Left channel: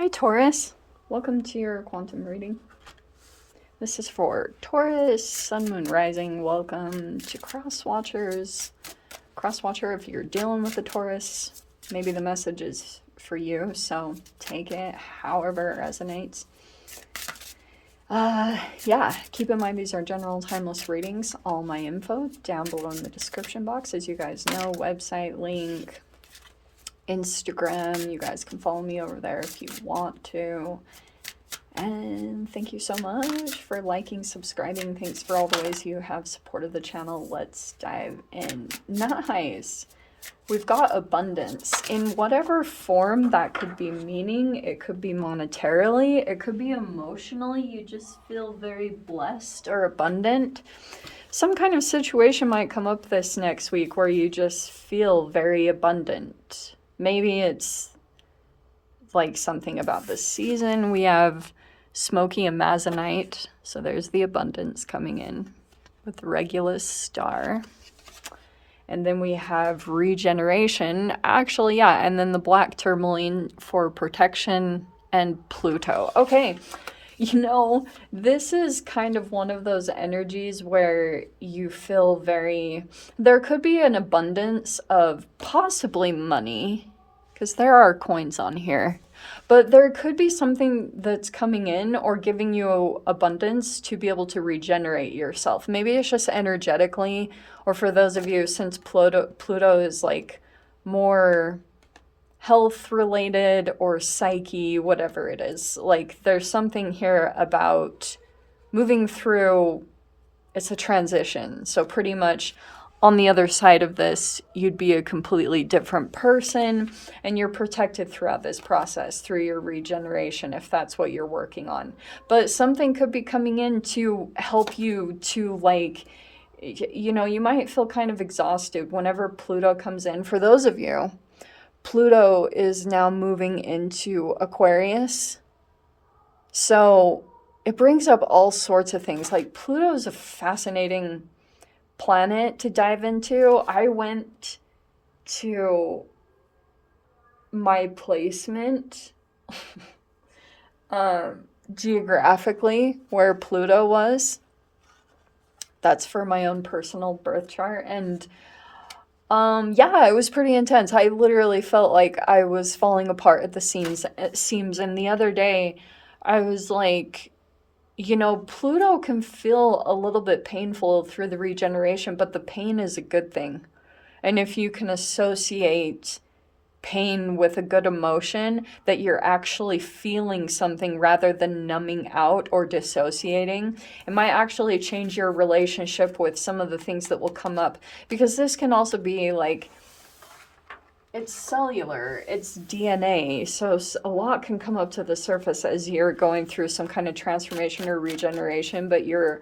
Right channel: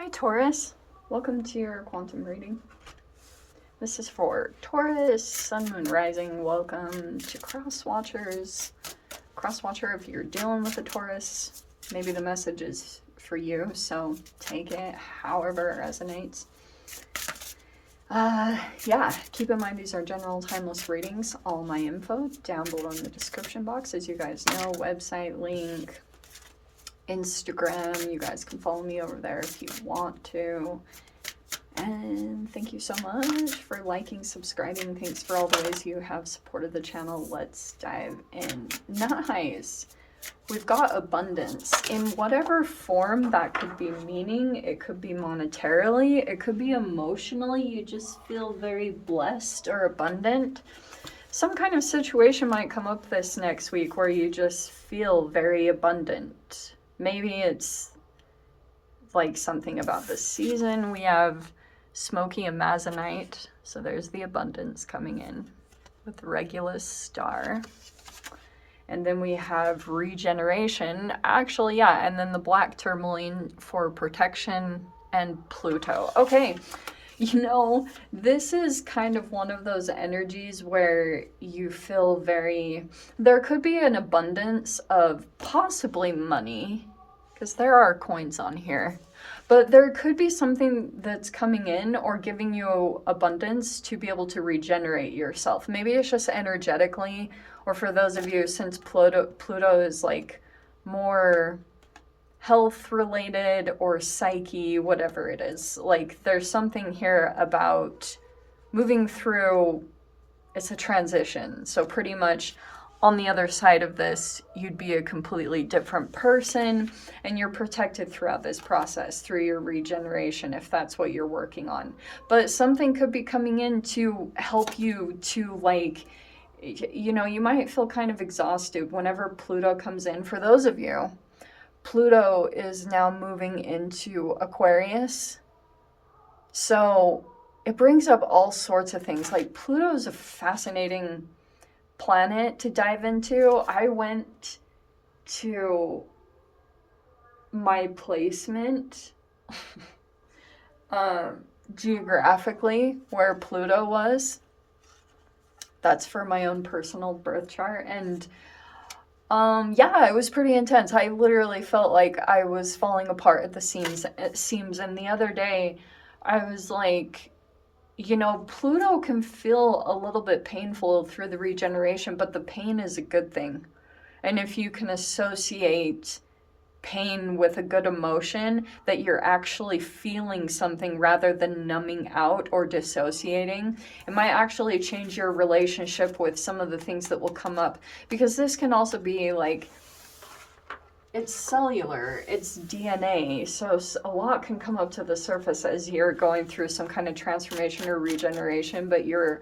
Hi Taurus, welcome to your quantum reading. This is for Taurus, Sun, Moon, Rising. Welcome to Cross Watchers. Cross Watcher, if you're dealing with a Taurus, maybe the message is for you, so take it however it resonates. Yeah, keep in mind these are general timeless readings. All my info down below in the description box, as you guys know, website link, Instagram. You guys can follow me over there if you want to. And thank you so much for liking, subscribing. Thanks for all the ways you have supported the channel. Let's dive in. Nice. We've got abundance in whatever form that could be, meaning it could be monetarily, it could be emotionally. You just feel very blessed or abundant. Some kind of situation might come up this next week where you just feel very abundant. Maybe it's like something about the season. We have Smoky and Mazonite, so there's the abundance coming in with Regulus star. And then we have regeneration, actually, yeah, and then the black tourmaline for protection and Pluto. Okay, you know, this is kind of one of those energies where you feel very, there could be an abundance of possibly money, because there are coins on here. But there could be something that's coming in or giving you abundance to be able to regenerate yourself. Maybe it's just energetically, or for those of you, since Pluto is like more health related or psyche, whatever it is. Like there's something here about moving through, it's a transition. So pretty much on the other side of this, you'd be a completely different person, and you're protected throughout this process through your regeneration, if that's what you're working on. But something could be coming in to help you to, like, you know, you might feel kind of exhausted whenever Pluto comes in. For those of you, Pluto is now moving into Aquarius. So it brings up all sorts of things. Like Pluto is a fascinating planet to dive into. I went to my placement geographically where Pluto was. That's for my own personal birth chart. And yeah, it was pretty intense. I literally felt like I was falling apart at the seams. And the other day I was like, you know, Pluto can feel a little bit painful through the regeneration, but the pain is a good thing. And if you can associate pain with a good emotion, that you're actually feeling something rather than numbing out or dissociating, it might actually change your relationship with some of the things that will come up. Because this can also be like, it's cellular, it's DNA, so a lot can come up to the surface as you're going through some kind of transformation or regeneration, but you're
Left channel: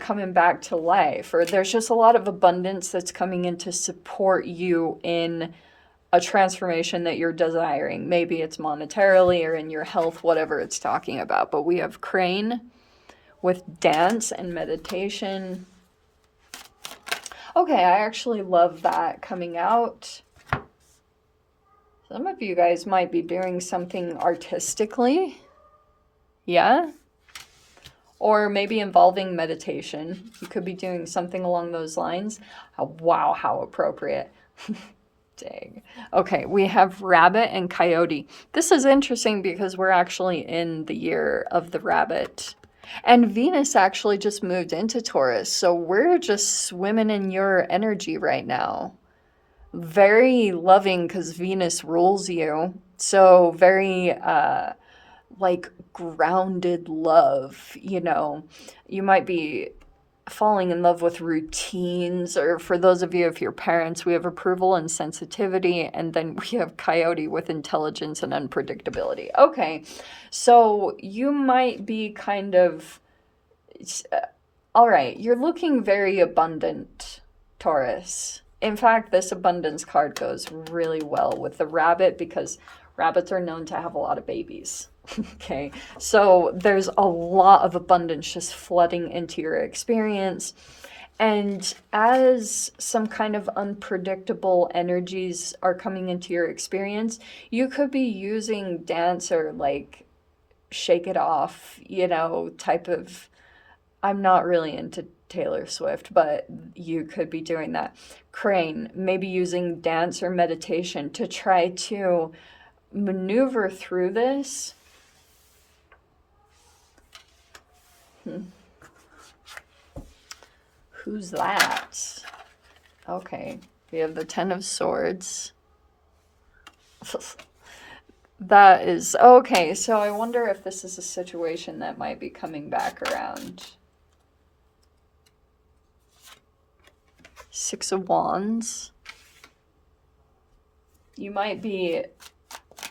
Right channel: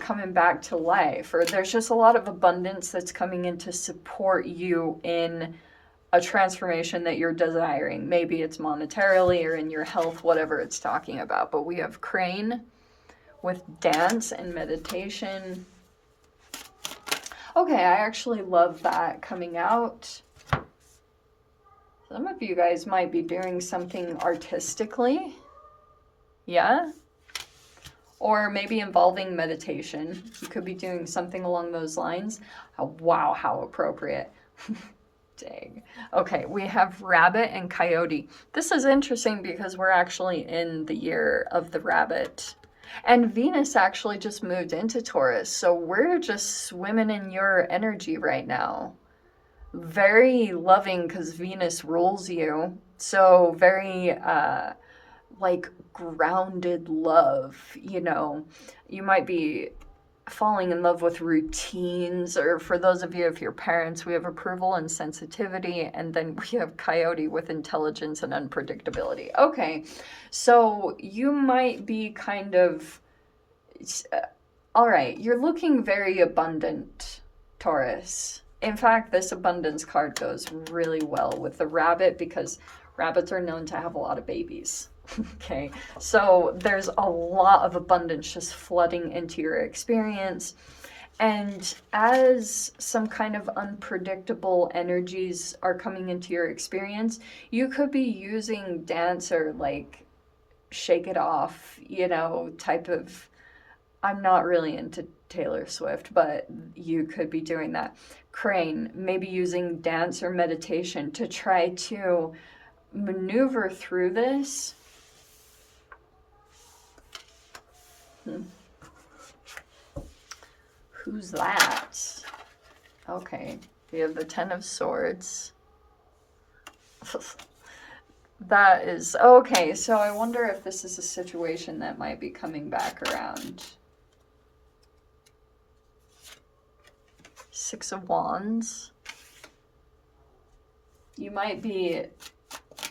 coming back to life, or there's just a lot of abundance that's coming in to support you in a transformation that you're desiring. Maybe it's monetarily or in your health, whatever it's talking about. But we have Crane with dance and meditation. Okay, I actually love that coming out. Some of you guys might be doing something artistically. Yeah? Or maybe involving meditation. You could be doing something along those lines. Oh, wow, how appropriate. Dang. Okay, we have rabbit and coyote. This is interesting because we're actually in the year of the rabbit. And Venus actually just moved into Taurus. So we're just swimming in your energy right now. Very loving because Venus rules you. So very like grounded love, you know. You might be falling in love with routines, or for those of you, if you're parents, we have approval and sensitivity, and then we have coyote with intelligence and unpredictability. Okay, so you might be kind of, all right, you're looking very abundant, Taurus. In fact, this abundance card goes really well with the rabbit because rabbits are known to have a lot of babies. Okay, so there's a lot of abundance just flooding into your experience. And as some kind of unpredictable energies are coming into your experience, you could be using dance or like shake it off, you know, type of. I'm not really into Taylor Swift, but you could be doing that. Crane, maybe using dance or meditation to try to maneuver through this. Who's that? Okay, we have the Ten of Swords. That is okay. So I wonder if this is a situation that might be coming back around. Six of Wands. You might be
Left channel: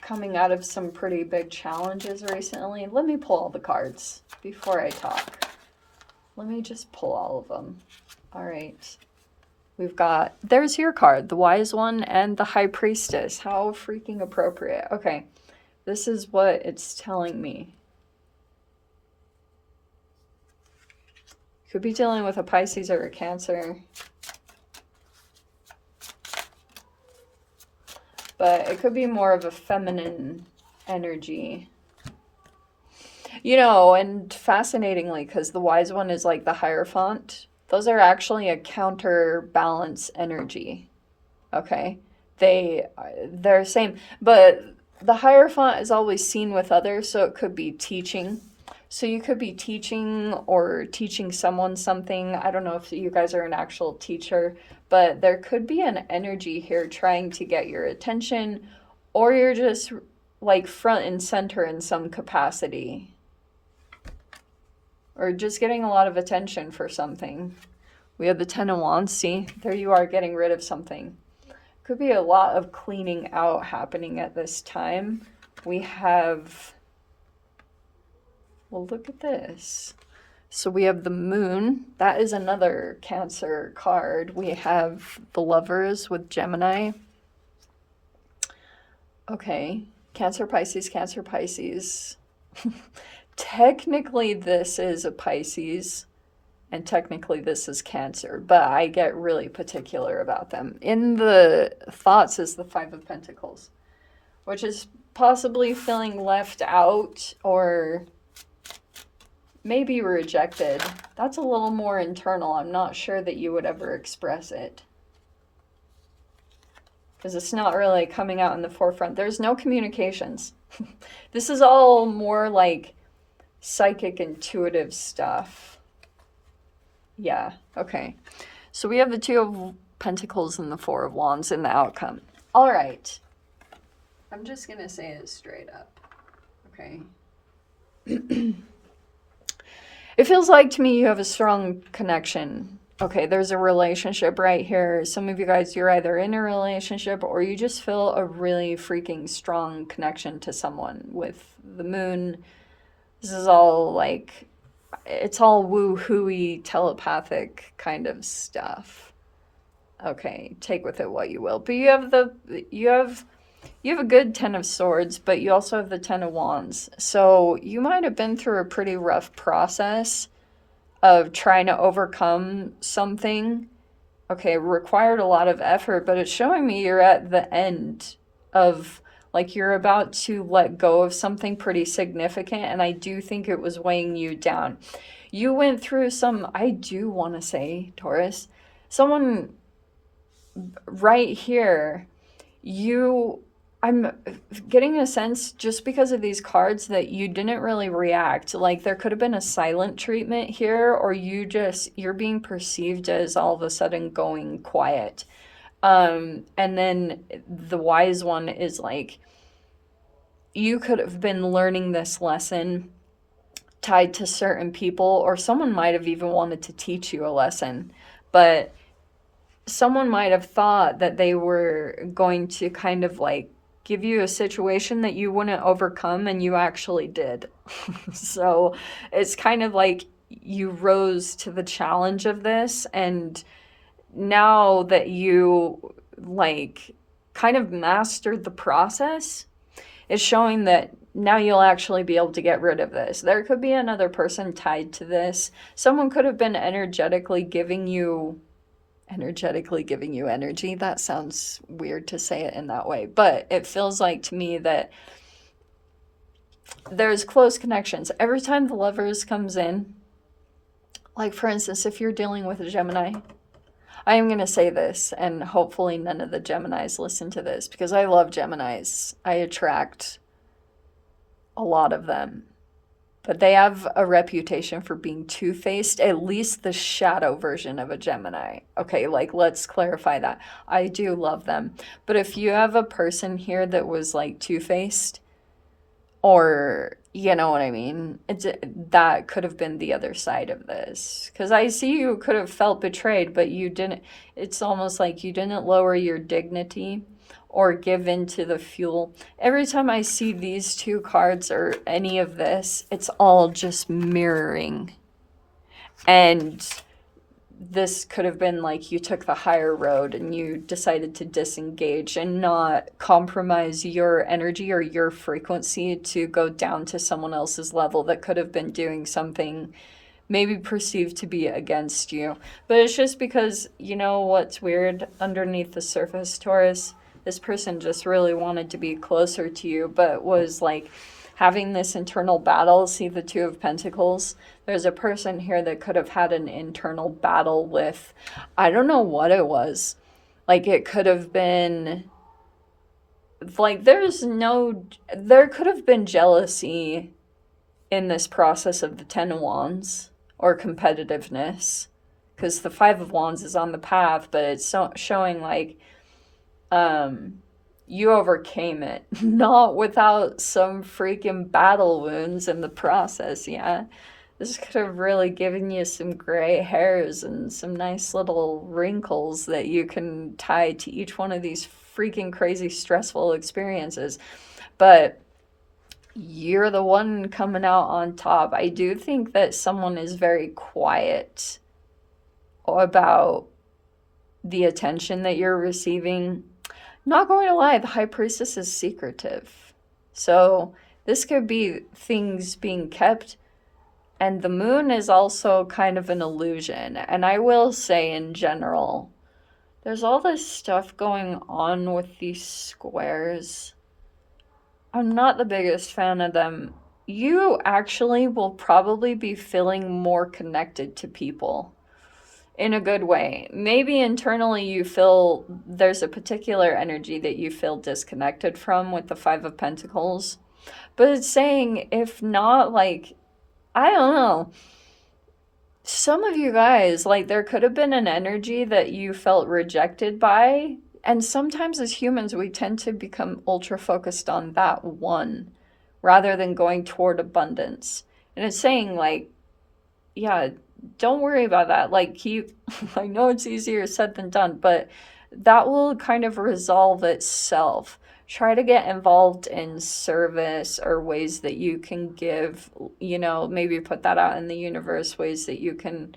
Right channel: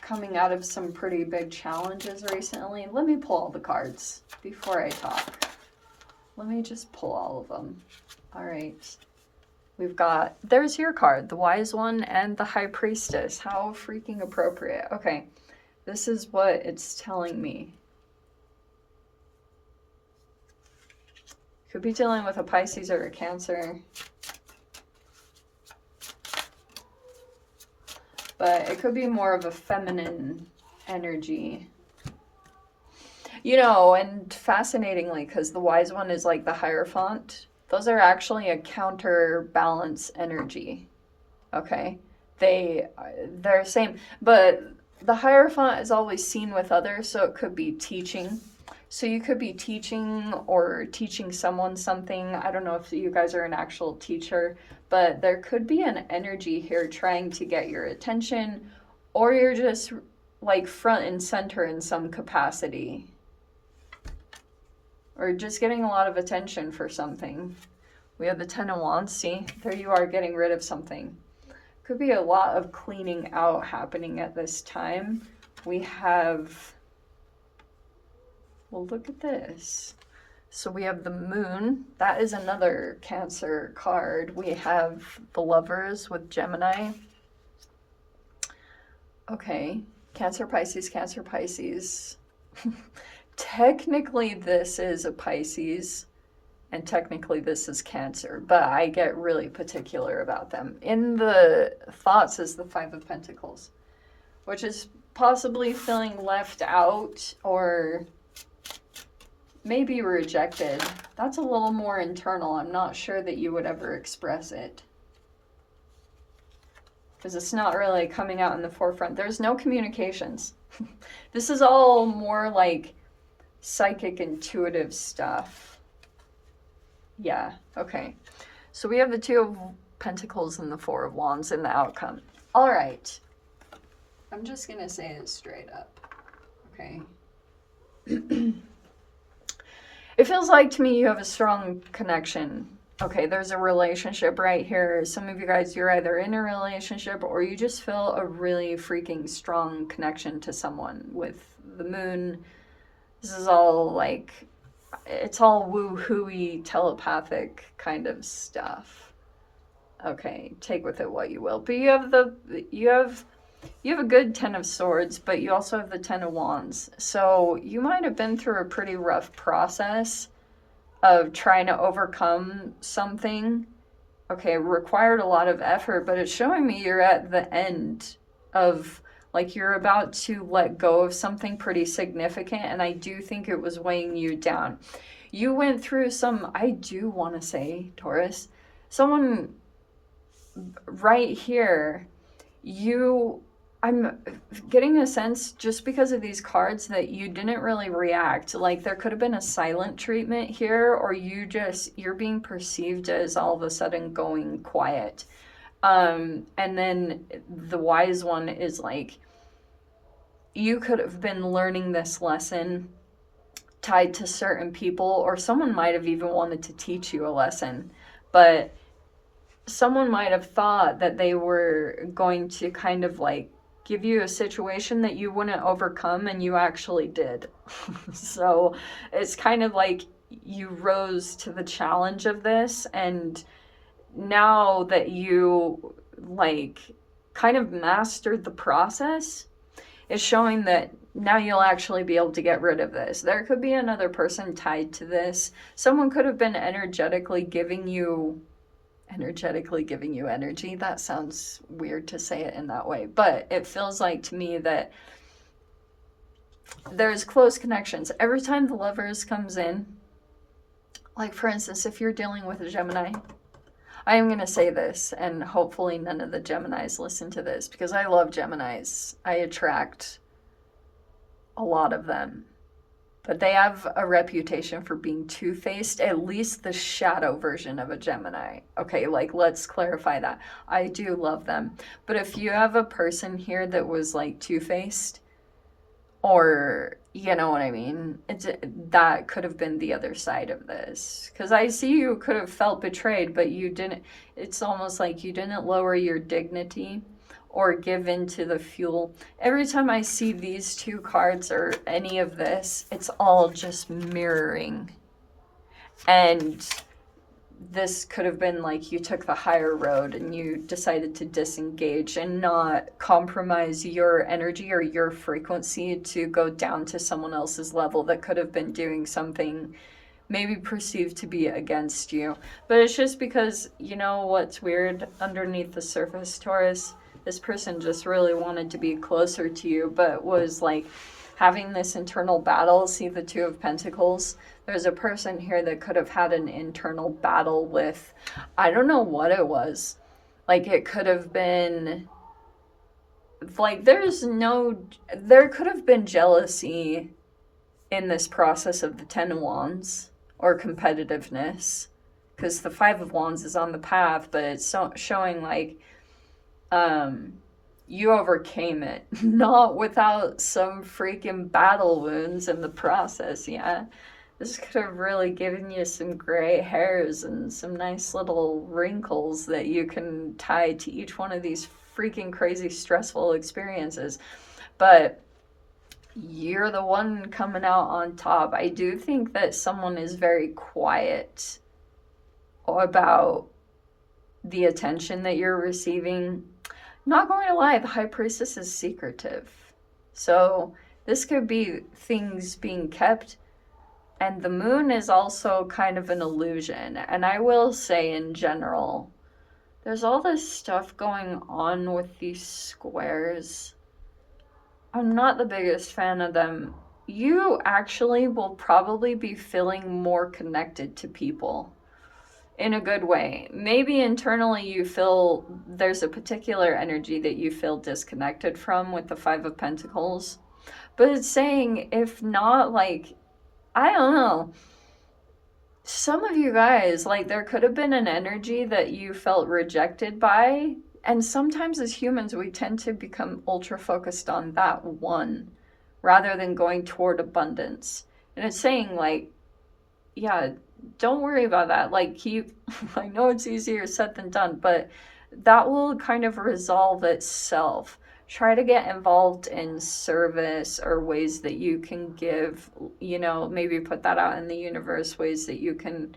coming out of some pretty big challenges recently. Let me pull all the cards before I talk. Let me just pull all of them. All right. We've got, there's your card, the Wise One and the High Priestess. How freaking appropriate. Okay, this is what it's telling me. Could be dealing with a Pisces or a Cancer. But it could be more of a feminine energy. You know, and fascinatingly, because the Wise One is like the Hierophant, those are actually a counterbalance energy. Okay? They're same. But the Hierophant is always seen with others, so it could be teaching. So you could be teaching or teaching someone something. I don't know if you guys are an actual teacher, but there could be an energy here trying to get your attention, or you're just like front and center in some capacity. Or just getting a lot of attention for something. We have the Ten of Wands. See, there you are getting rid of something. Could be a lot of cleaning out happening at this time. We have, well, look at this. So we have the Moon. That is another Cancer card. We have the Lovers with Gemini. Okay, Cancer, Pisces, Cancer, Pisces. Technically, this is a Pisces, and technically this is Cancer, but I get really particular about them. In the thoughts is the Five of Pentacles, which is possibly feeling left out or maybe rejected. That's a little more internal. I'm not sure that you would ever express it, because it's not really coming out in the forefront. There's no communications. This is all more like psychic, intuitive stuff. Yeah, okay. So we have the Two of Pentacles and the Four of Wands in the outcome. All right. I'm just going to say it straight up. Okay. It feels like to me you have a strong connection. Okay, there's a relationship right here. Some of you guys, you're either in a relationship or you just feel a really freaking strong connection to someone with the Moon. This is all like, it's all woo-hooey, telepathic kind of stuff. Okay, take with it what you will. But you have a good Ten of Swords, but you also have the Ten of Wands. So you might have been through a pretty rough process of trying to overcome something. Okay, it required a lot of effort, but it's showing me you're at the end of, like, you're about to let go of something pretty significant, and I do think it was weighing you down. You went through some, I do want to say, Taurus, someone right here, I'm getting a sense just because of these cards that you didn't really react. Like there could have been a silent treatment here, or you're being perceived as all of a sudden going quiet. And then the Wise One is like, you could have been learning this lesson tied to certain people, or someone might have even wanted to teach you a lesson, but someone might have thought that they were going to kind of like give you a situation that you wouldn't overcome, and you actually did. So it's kind of like you rose to the challenge of this, and now that you like kind of mastered the process, It's showing that now you'll actually be able to get rid of this. There could be another person tied to this. Someone could have been energetically giving you energy. That sounds weird to say it in that way, but it feels like to me that there's close connections. Every time the Lovers comes in, like for instance, if you're dealing with a Gemini, I am going to say this, and hopefully none of the Geminis listen to this, because I love Geminis. I attract a lot of them. But they have a reputation for being two-faced, at least the shadow version of a Gemini. Okay, like, let's clarify that. I do love them. But if you have a person here that was, like, two-faced, or, you know what I mean, that could have been the other side of this. Because I see you could have felt betrayed, but you didn't. It's almost like you didn't lower your dignity or give in to the fuel. Every time I see these two cards or any of this, it's all just mirroring. And this could have been like you took the higher road and you decided to disengage and not compromise your energy or your frequency to go down to someone else's level that could have been doing something maybe perceived to be against you. But it's just because, you know what's weird underneath the surface, Taurus? This person just really wanted to be closer to you, but was like having this internal battle. See the Two of Pentacles? There's a person here that could have had an internal battle with, I don't know what it was. Like it could have been, like there could have been jealousy in this process of the Ten of Wands, or competitiveness, because the Five of Wands is on the path, but it's showing like you overcame it, not without some freaking battle wounds in the process. Yeah, this could have really given you some gray hairs and some nice little wrinkles that you can tie to each one of these freaking crazy stressful experiences. But you're the one coming out on top. I do think that someone is very quiet about the attention that you're receiving. Not going to lie, the High Priestess is secretive. So this could be things being kept. And the moon is also kind of an illusion. And I will say in general, there's all this stuff going on with these squares. I'm not the biggest fan of them. You actually will probably be feeling more connected to people in a good way. Maybe internally you feel there's a particular energy that you feel disconnected from with the Five of Pentacles. But it's saying, if not, like, I don't know. Some of you guys, like, there could have been an energy that you felt rejected by. And sometimes as humans, we tend to become ultra focused on that one rather than going toward abundance. And it's saying, like, yeah, don't worry about that. Like, I know it's easier said than done, but that will kind of resolve itself. Try to get involved in service or ways that you can give, you know, maybe put that out in the universe, ways that you can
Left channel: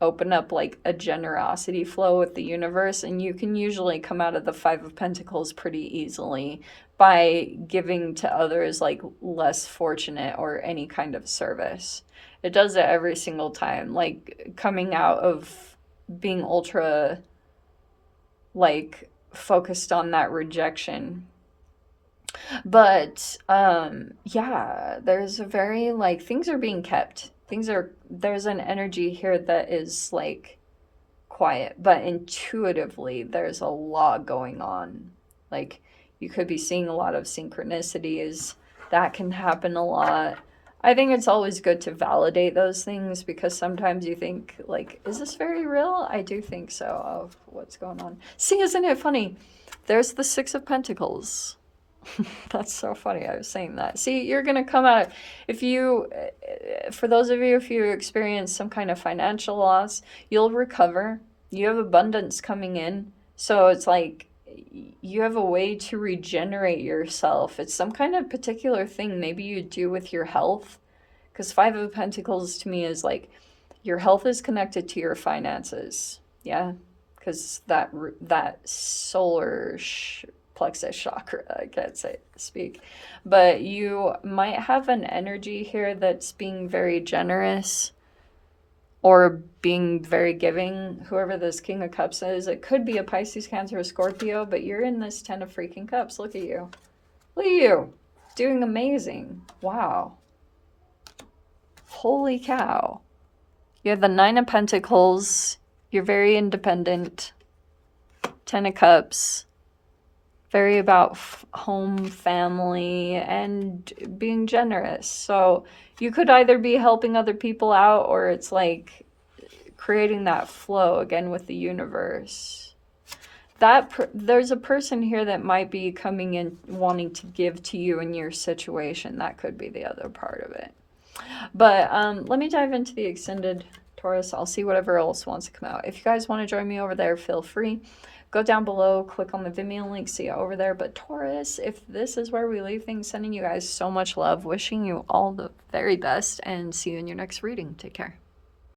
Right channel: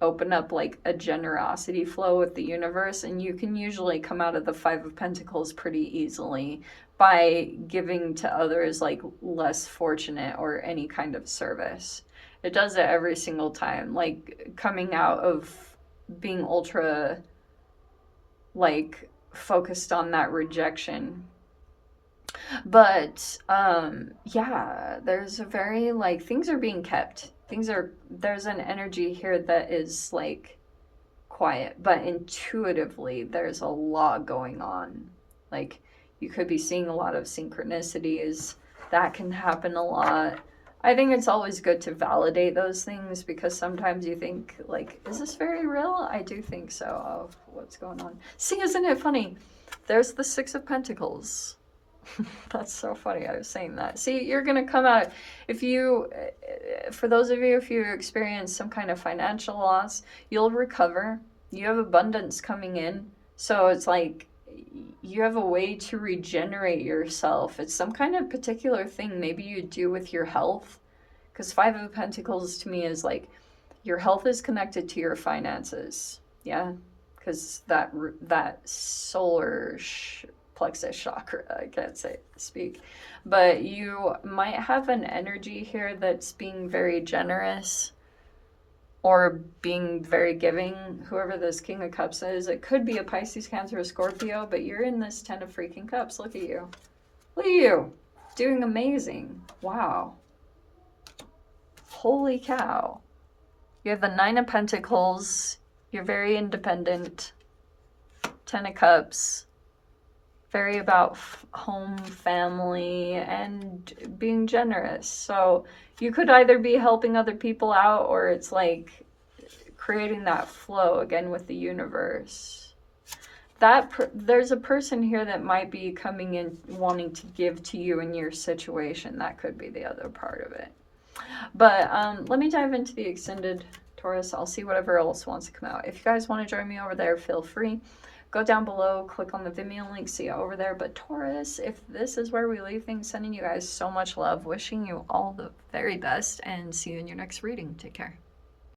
open up like a generosity flow with the universe. And you can usually come out of the Five of Pentacles pretty easily by giving to others like less fortunate or any kind of service. It does it every single time, like coming out of being ultra like focused on that rejection. But yeah, there's a very like things are being kept. There's an energy here that is like quiet, but intuitively there's a lot going on. Like you could be seeing a lot of synchronicities. That can happen a lot. I think it's always good to validate those things because sometimes you think, like, is this very real? I do think so, of what's going on. See, isn't it funny? There's the Six of Pentacles. That's so funny. I was saying that. See, you're going to come out of, if you, for those of you, if you experience some kind of financial loss, you'll recover. You have abundance coming in. So it's like, you have a way to regenerate yourself. It's some kind of particular thing maybe you do with your health, because Five of Pentacles to me is like your health is connected to your finances. Yeah, because that solar plexus chakra. I can't speak. But you might have an energy here that's being very generous or being very giving, whoever this King of Cups is. It could be a Pisces, Cancer, or Scorpio, but you're in this 10 of freaking Cups. Look at you. Look at you. Doing amazing. Wow. Holy cow. You have the 9 of Pentacles. You're very independent. 10 of Cups. Very about home, family, and being generous. So you could either be helping other people out, or it's like creating that flow again with the universe. There's a person here that might be coming in wanting to give to you in your situation. That could be the other part of it. But let me dive into the extended Taurus. I'll see whatever else wants to come out. If you guys want to join me over there, feel free. Go down below, click on the Vimeo link, see it over there. But Taurus, if this is where we leave things, sending you guys so much love, wishing you all the very best, and see you in your next reading. Take care.